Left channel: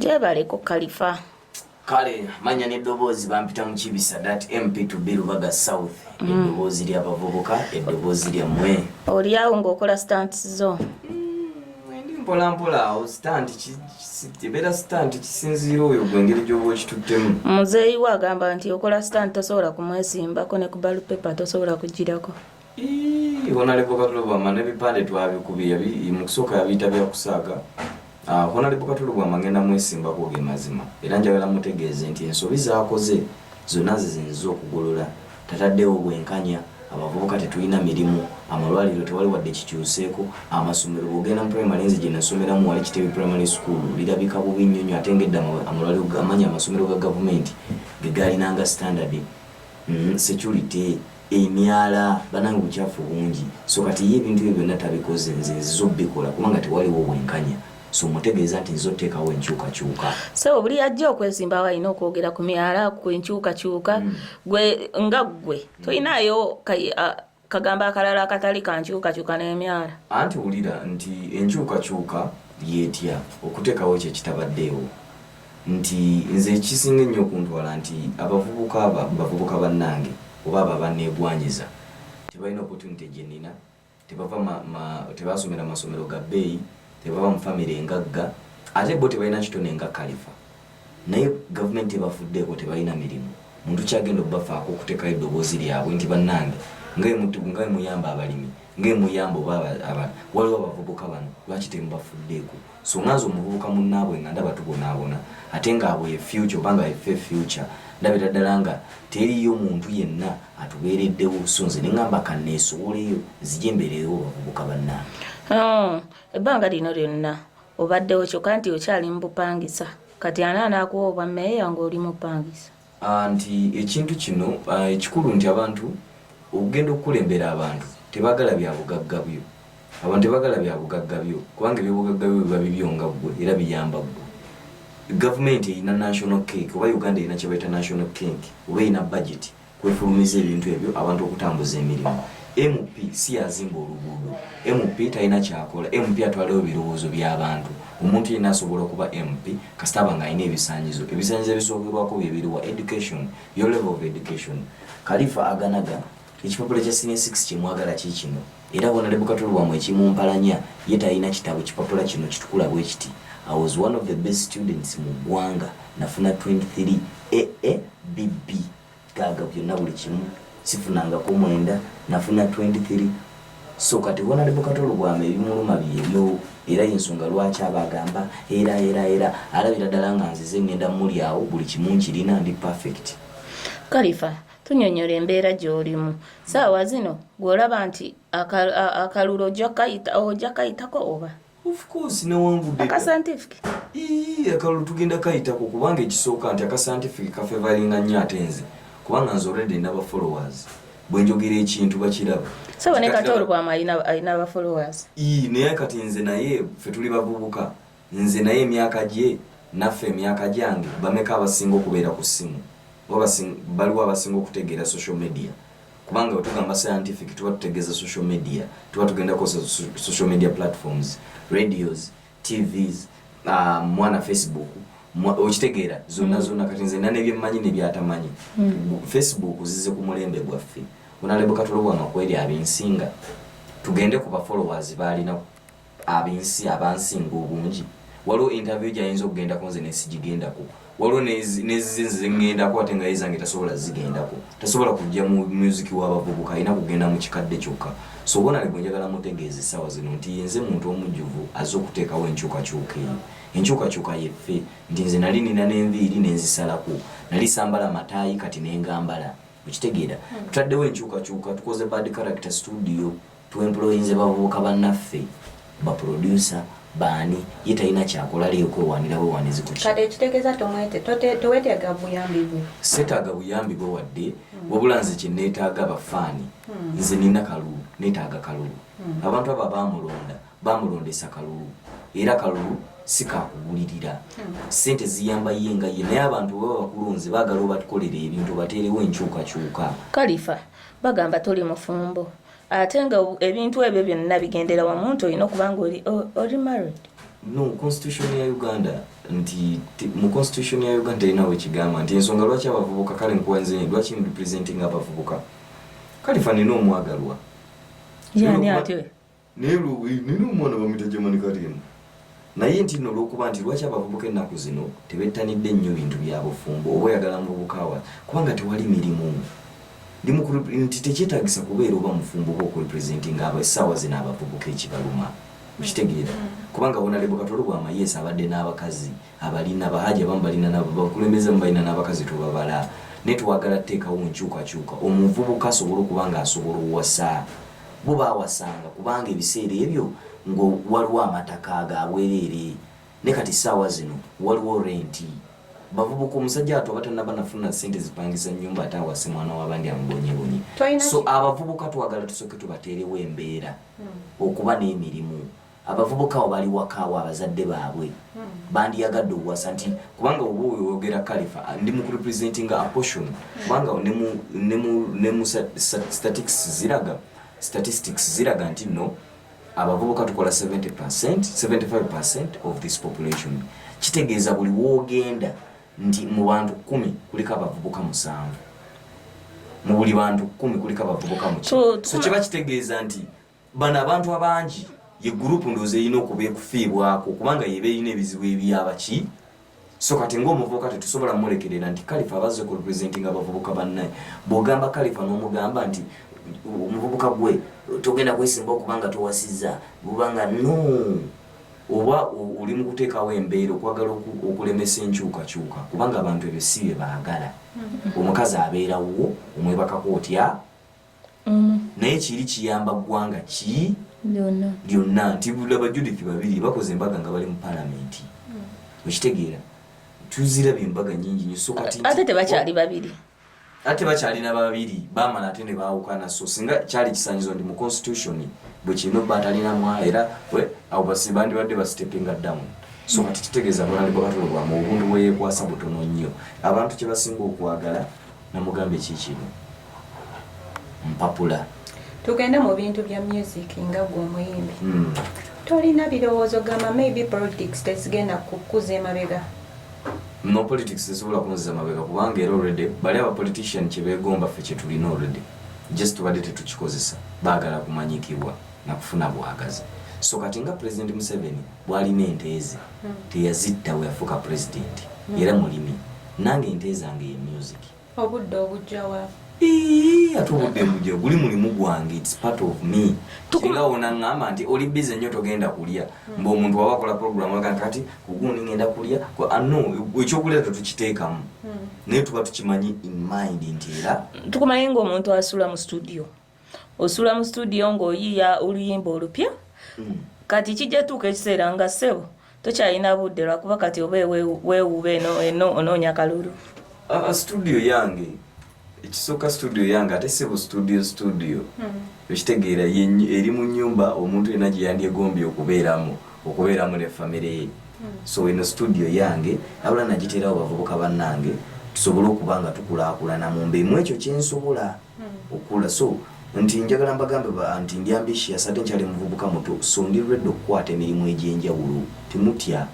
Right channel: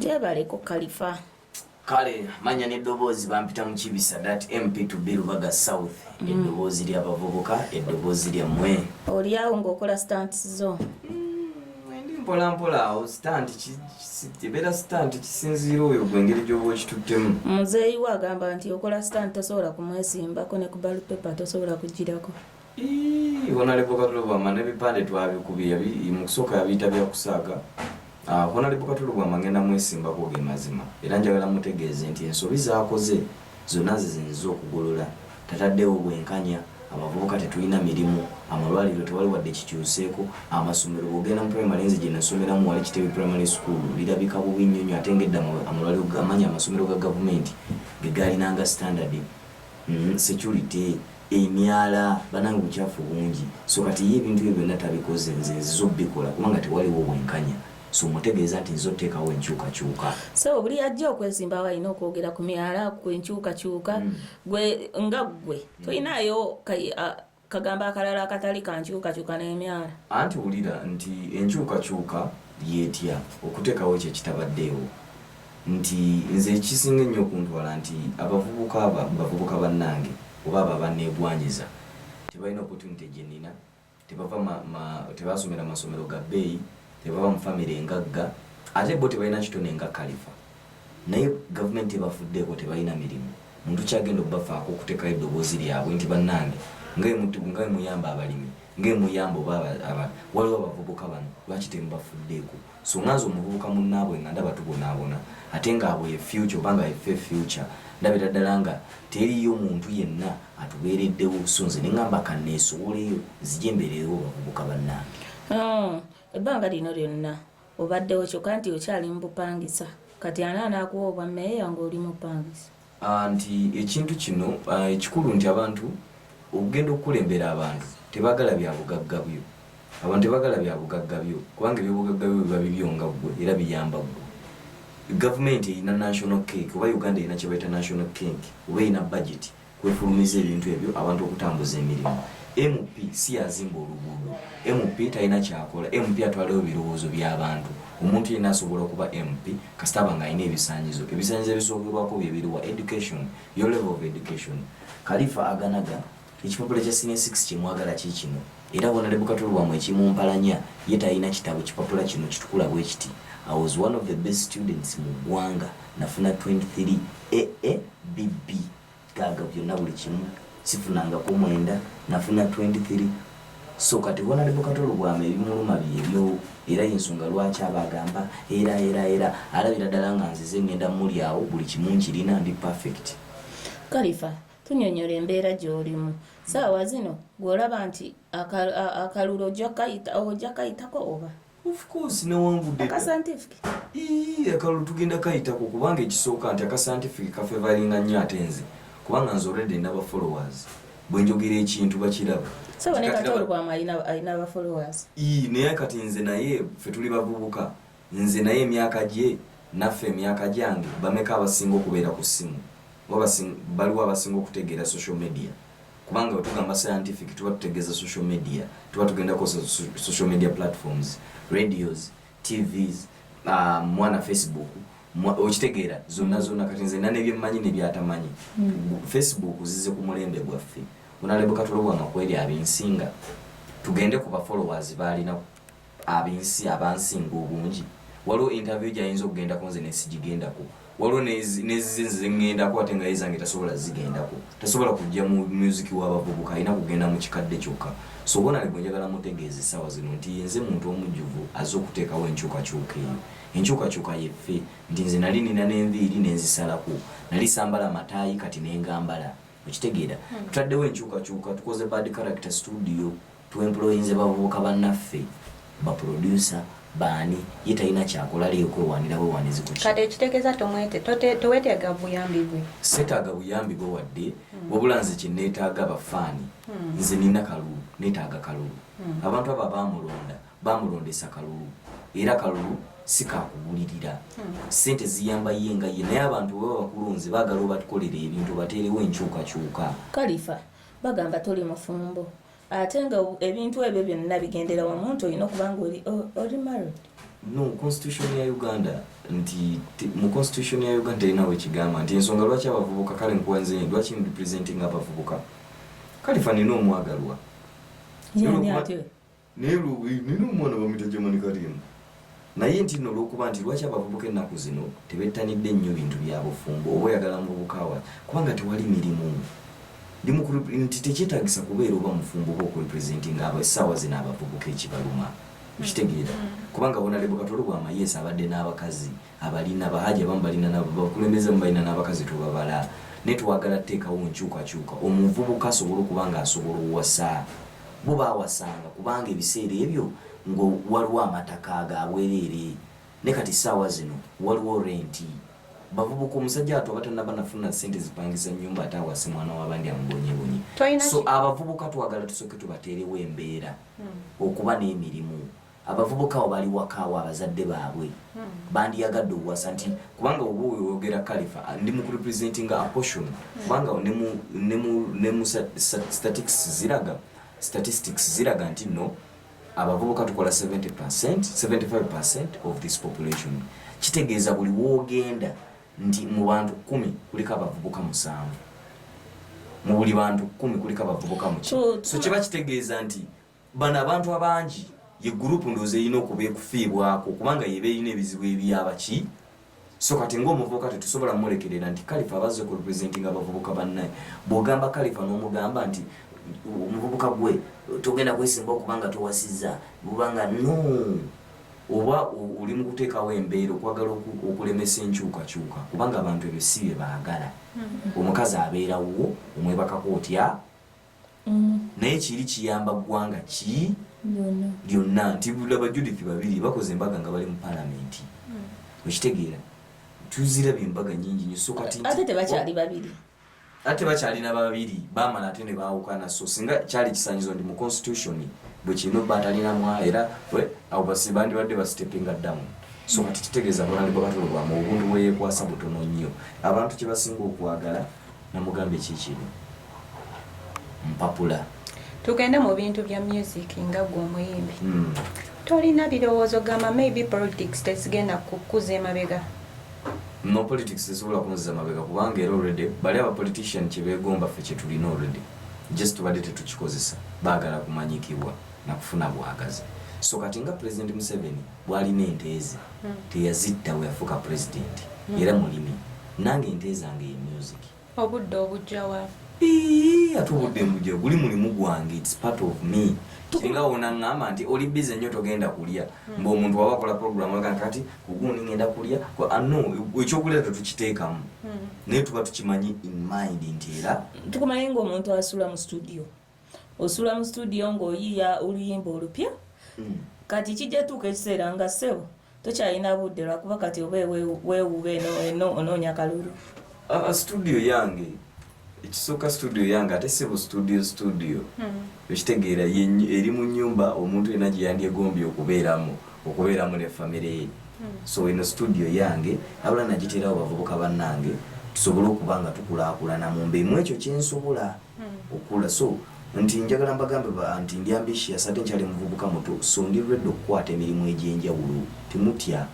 Jebaleko Khalifa. Kale manya n'eddoboozi bampita mu Kibisa that MP to be Rubaga South. Eddoboozi ly'abavubuka, eddoboozi lyammwe. Oli awo ng'okola stunts zo. Ndi mpolampola awo stunt kibeera stunt kisinziira oyo gwe engeri gy'oba okituttemu. Muzeeyi we agamba nti okola stunt tosobola kumwesimbako ne ku ballot paper tosobola kugirako. Honorable Katulubwama n'ebipande twabikubye mu kusooka yabiyita byakusaaga. Honorable Katulubwama ngenda mwesimbako ge mazima era njagala mutegeeze nti ensobi z'akoze zonna zizinze okugolola tataddewo bwenkanya abavubuka tetulina mirimu amalwaliro tewali wadde kikyuseeko amasomero bw'ogenda mu primary nzi gye nasomeramu wali Kitebi primary school lirabika bubi nnyo ate ng'edda amalwaliro gamanyi amasomero ga gavumenti ge gaalinanga standard security emyala banange bukyafu bungi so kati ye ebintu ebyo byonna tabikoze nze zizobikola kubanga tewaliwo bwenkanya so mutegeeza nti nzoteekawo enkyukakyuka so buli ajja okwesimbawo alina okwogera ku myala ku enkyukakyuka gwe nga gwe tolinaayo kagamba akalala akatali ka nkyukakyuka n'emyala anti wulira nti enkyukakyuka yeetya okuteekawo ekyo kitabaddeewo nti nze ekisinga ennyo okuntwala nti abavubuka bannange oba abo abanneegwanyiza tebalina opportunity gye nnina tebasomera masomero ga bbeeyi tebaba mu family engagga ate bo tebalina kitone nga Khalifa naye gavumenti ebafuddeeko tebalina mirimu muntu kyagenda okubafaako okuteekayo eddoboozi lyabwe nti bannange nga muyamba abalimi nga muyamba oba waliwo abavubuka bano lwaki temubafuddeeko so nganze omuvubuka munnaabwe nga ndaba tubonaabona ate ngaabwe ye future oba nga yeffe future ndabira ddala nga teriyo muntu yenna atubeereddewo so nze ne ngamba kanneesoboleyo zijja embereewo bavubuka bannange. Ebbanga lino lyonna obaddewo kyokka nti okyali mu bupangisa kati anaakuwa obwa mmeeya ng'oli mu bupangisa nti ekintu kino ekikulu nti abantu okugenda okukulembera abantu tebaagala bya bugagga byo abantu tebaagala bya bugagga byo kubanga ebyobugagga byo biba bibyo nga ggwe era biyamba ggwe gavumenti erina national cake oba Uganda erina kye bayita national cake oba erina budget kwefulumiza ebintu ebyo abantu okutambuza emirimu MP si yazimba oluguudo MP talina kyakola MP atwalayo ebirowoozo by'abantu omuntu yenna asobola okuba MP kasitaba nga alina ebisaanyizo ebisookerwako bye biriwa education your level of education Khalifa aganaga ekipapula kya senior 6 kyemwagala kikino era Honorable Katulubwama ekimumpalanya ye talina kitabo kipapula kino kitukula bwe kiti I was one of the best students mu ggwanga nafuna 23 BB gaga byonna buli kimu sifunangako 9 nafuna 23 so kati Honorable Katulubwama ebimuluma byebyo era ensonga lwaki abagamba era alabira ddala nga nzize ngenda muli awo buli kimu nkirina ndi perfect. Khalifa tunyonyola embeera gy'olimu saawa zino gw'olaba nti akalulu ojja kayitako oba of course newanvudde akasantifiki akalulu tugenda kayitako kubanga ekisooka nti akasantifiki kafevalinga nnyo ate nze kubanga nze already naba followers bwenjogera ekintu bakiraba so ne Katulubwama alina aba followers naye kati nze naye ffe tuli bavubuka nze naye emyaka gye naffe emyaka gyange bameka abasinga okubeera ku ssimu baliwo abasinga okutegeera social media kubanga wetugamba scientific tuba tutegeeza social media tuba tugendako social media platforms radios tvs mwana Facebook okitegeera zonna kati nze nane byemmanyi nebyatamanyi Facebook zize ku mulembe gwaffe Honorable Katulubwama kweri abinsinga tugende ku bafollowers balina abinsi abansinga obungi waliwo interview gyayinza okugendako nze nesigigendako waliwo nezize ngendako ate nga yezange tasobola zigendako tasobola kujja mu music w'abavubuka alina kugenda mu kikadde kyokka so Honorable njagala mutegeeze essaawa zino nti yenze muntu omujjuvu azze okuteekawo enkyukakyuka eyo enkyukakyuka yeffe nti nze nali nina n'enviiri nenzisalako nali sambala mataayi kati nengambala okitegeera tutaddewo enkyukakyuka tukoze bad character studio tuemployinze bavubuka bannaffe baproducer baani ye talina kyakola liyo kwewanira bwewanizi ku kati ekitegeeza toweetaaga buyambi bwe seetaaga buyambi bwe wadde wabula nze kye neetaaga abafaani nze nina kalulu neetaaga kalulu abantu abo bamulondesa kalulu era kalulu sikakugulirira sente ziyamba yenga ye naye abantu baba bakulunze baagala obatukolera ebintu bateerewo enkyukakyuka. Khalifa bagamba toli mufumbo ate nga ebintu ebyo byonna bigendera wamu nti olina okuba nga oli married no constitution ya Uganda nti mu constitution ya Uganda inawe kigamba nti ensonga lwaki abavubuka kale nkuwanze lwaki representing abavubuka Khalifa nino omwagalwa yani ate nino omwana bamita Germany Karimu naye nti no lokuba nti lwaki abavubuka ennaku zino tebettanidde nnyo bintu byabufumbo oba oyagala mubukawa kubanga tewali mirimu nti tekyetaagisa kubeera oba mufumbo oba okurepresenting essaawa zino abavubuka ekibaluma ukitegeera kubanga Honorable Katolo Bwamayesa abadde n'abakazi abalina bahaja abamu balina n'abakulembeze balina n'abakazi tubabala ne twagala teekawo nkyukakyuka omuvubuka asobola okubanga asobola owasa bo baawasanga kubanga ebiseera ebyo ngo waliwo amataka agabwerere ne kati ssaawa zino waliwo renti bavubuka omusajja ato abatanaba nafuna ssente zipangisa nnyumba ate awase mwana w'abandi amubonyebonye so abavubuka twagala tusooke tubateerewo embeera okuba n'emirimu abavubuka abo bali wakaawo abazadde baabwe bandiyagadde okuwasa nti kubanga oba oyogera Khalifa ndi mu representing a portion kubanga ne mu statistics ziraga nti no abavubuka tukola 75% of this population kitegeeza buli woogenda nti mu bantu 10 kuliko abavubuka 7 mu buli bantu 10 kuliko abavubuka 9 so kiba kitegeeza nti bano abantu abangi ye group ndoze yino okuba ekufiibwako kubanga yebe yine ebizibu ebyabaki so kati ng'omuvubuka tetusobola mulekerera nti Khalifa abazze ku representing abavubuka bannaye bw'ogamba Khalifa n'omugamba nti omuvubuka gwe togenda kwesimba okubanga towasizza bubanga no oba oli mu kuteekawo embeera okwagala okulemesa enkyukakyuka kubanga abantu ebyo si bye baagala omukazi abeerawo omwebakako otya naye kiri kiyamba ggwanga ki lyonna nti bulaba Judith babiri bakoze embaga nga bali mu palamenti okitegeera tuzirabye embaga nyingi nnyo so kati ate tebakyali babiri ate bakyalina babiri bamala ate ne baawukana so singa kyali kisanyizo ndi mu constitution bwe kino batalinamu era abo basibandi badde basitepinga ddamu so kati kitegeeza Honorable Katolo Bwama obuntu bwe yeekwasa butono nnyo abantu kye basinga okwagala namugambe kikino mpapula tugende mu bintu bya music nga gwe omuyimbi tolina birowoozo gamba maybe politics tezigenda kukuza emabega no politics tesobola kunziza mabega kubanga era already bali aba politician kye beegomba ffe kye tulina already just tubadde tetukikozesa baagala kumanyikibwa na kufuna bwagazi so kati nga President Museveni bwalina ente ze teyazitta we yafuuka president era mulimi nange ente zange ye music obudde obujjawa ate obudde mujja guli mulimu gwange it's part of me singa wona ngamba nti oli busy nnyo togenda kulya mba omuntu waba akola program waka kati kugundi ngenda kulya no ekyokulya tukiteekamu naye tuba tukimanyi in mind nti era tukumanyi ng'omuntu asula mu studio osula mu studio ng'oyiya oluyimba olupya kati kijja tuuka ekiseera nga ssebo tokyalina budde lwakuba kati oba weewuuba eno onoonya kalulu studio yange ekisooka studio yange ate sebo studio ekitegeera eri mu nnyumba omuntu yenna gye yandyegombye okubeeramu ne famire ye so eno studio yange abula nagiteerawo bavubuka bannange tusobole okuba nga tukulaakulana mu mbeemu ekyo kyensobola okula so nti njagala mbagambe nti ndi ambitious ate nkyali muvubuka muto so ndi ready okukwata emirimu egy'enjawulo timutya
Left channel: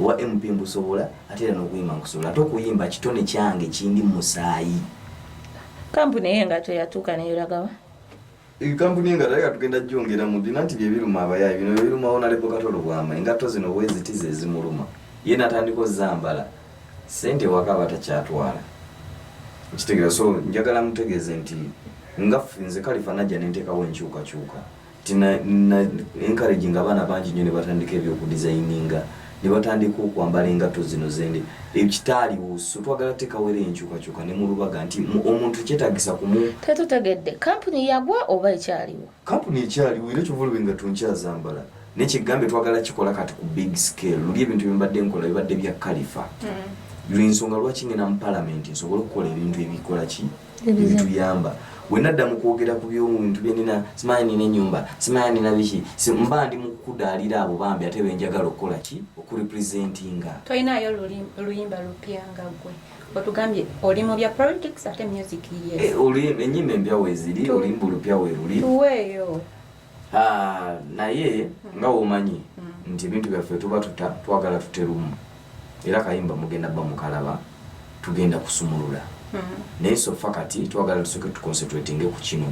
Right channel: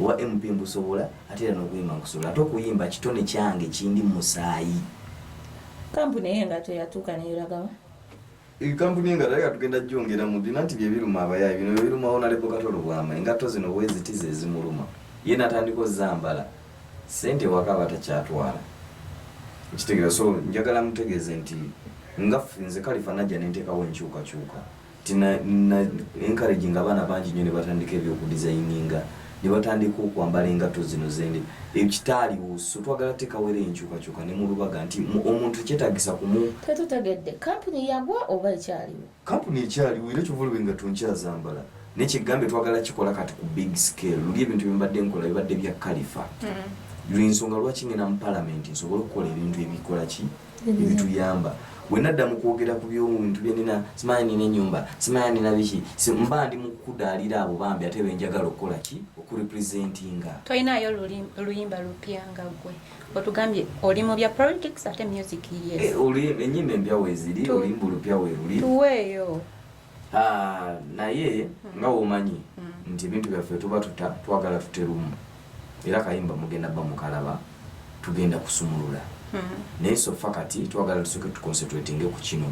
owa MP mbusobola ate era n'okuyimba nkusobola ate okuyimba kitone kyange kindi mu musaayi kampuni y'engato yatuuka neyolagawa kampuni y'engato yali katugenda jjongera mu dina nti byebiruma abayayi bino byebiruma Honorable Katolo Bwama engato zino bwezitize ezimuluma ye natandika ozambala sente waka batakyatwala ekitegeeza so njagala mutegeeze nti nga nze Khalifa najja nenteekawo enkyukakyuka tina encouraging abaana bangi nnyo ne batandika ebyokudesigninga ne batandika okwambala engato zino zende ekitaaliwo so twagala teekawo era enkyukakyuka ne mulubaga nti omuntu kyetaagisa kumu tetutegedde kampuni yagwa oba ekyaliwo kampuni ekyaliwo era kyovulwe engato nkyazambala nekigambe twagala kikola kati ku big scale luli ebintu byembadde nkola bibadde bya Khalifa ensonga lwaki ngenda mu palamenti nsobole okukola ebintu ebikola ki ebituyamba wenadda mu kwogera ku by'omuntu byenina simanyi nina ennyumba simanyi nina biki mba ndi mu kudaalira abo bambi ate benjagala okukola ki okurepresentinga tolinayo luyimba lupya nga gwe otugambye oli mu bya politics ate music yes ennyimba empya weeziri oluyimba olupya weeruli tuweeyo naye nga womanyi nti ebintu byaffe tuba twagala tuterumu era kayimba mugenda bamukalaba tugenda kusumulula naye sofa kati twagala tusoke tuconcentratinge ku kino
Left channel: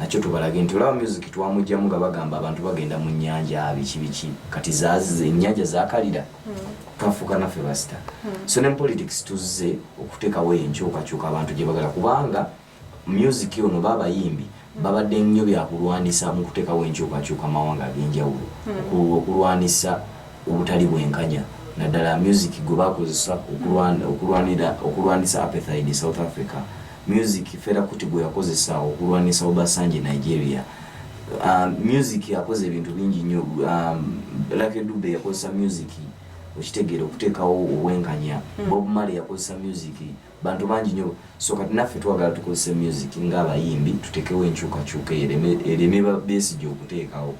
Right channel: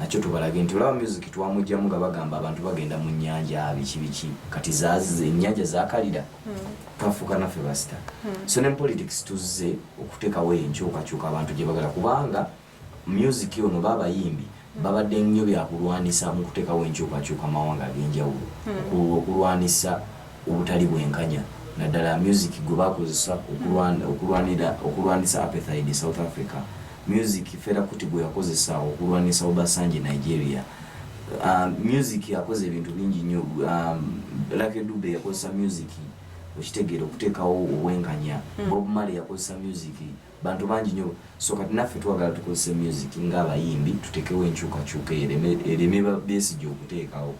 nakyo tubalage nti olaba music twamugjamu nga bagamba abantu bagenda mu nnyanja biki kati ennyanja zakalira twafuuka naffe basita so ne politics tuzze okuteekawo enkyukakyuka abantu gye bagala kubanga music ono babayimbi babadde nnyo byakulwanisa mu kuteekawo enkyukakyuka mawanga ag'enjawulo okulwanisa obutali bwenkanya naddala music gwe bakozesa okulwanisa apartheid South Africa music Fela Kuti gwe yakozesa okulwanisa Obasanjo Nigeria music yakoze ebintu bingi nnyo Lucky Dube yakozesa music okitegeera okuteekawo obwenkanya Bob Marley yakozesa music bantu bangi nnyo so kati naffe twagala tukozese music ng'abayimbi tuteekewo enkyukakyuka ereme Besigye okuteekawo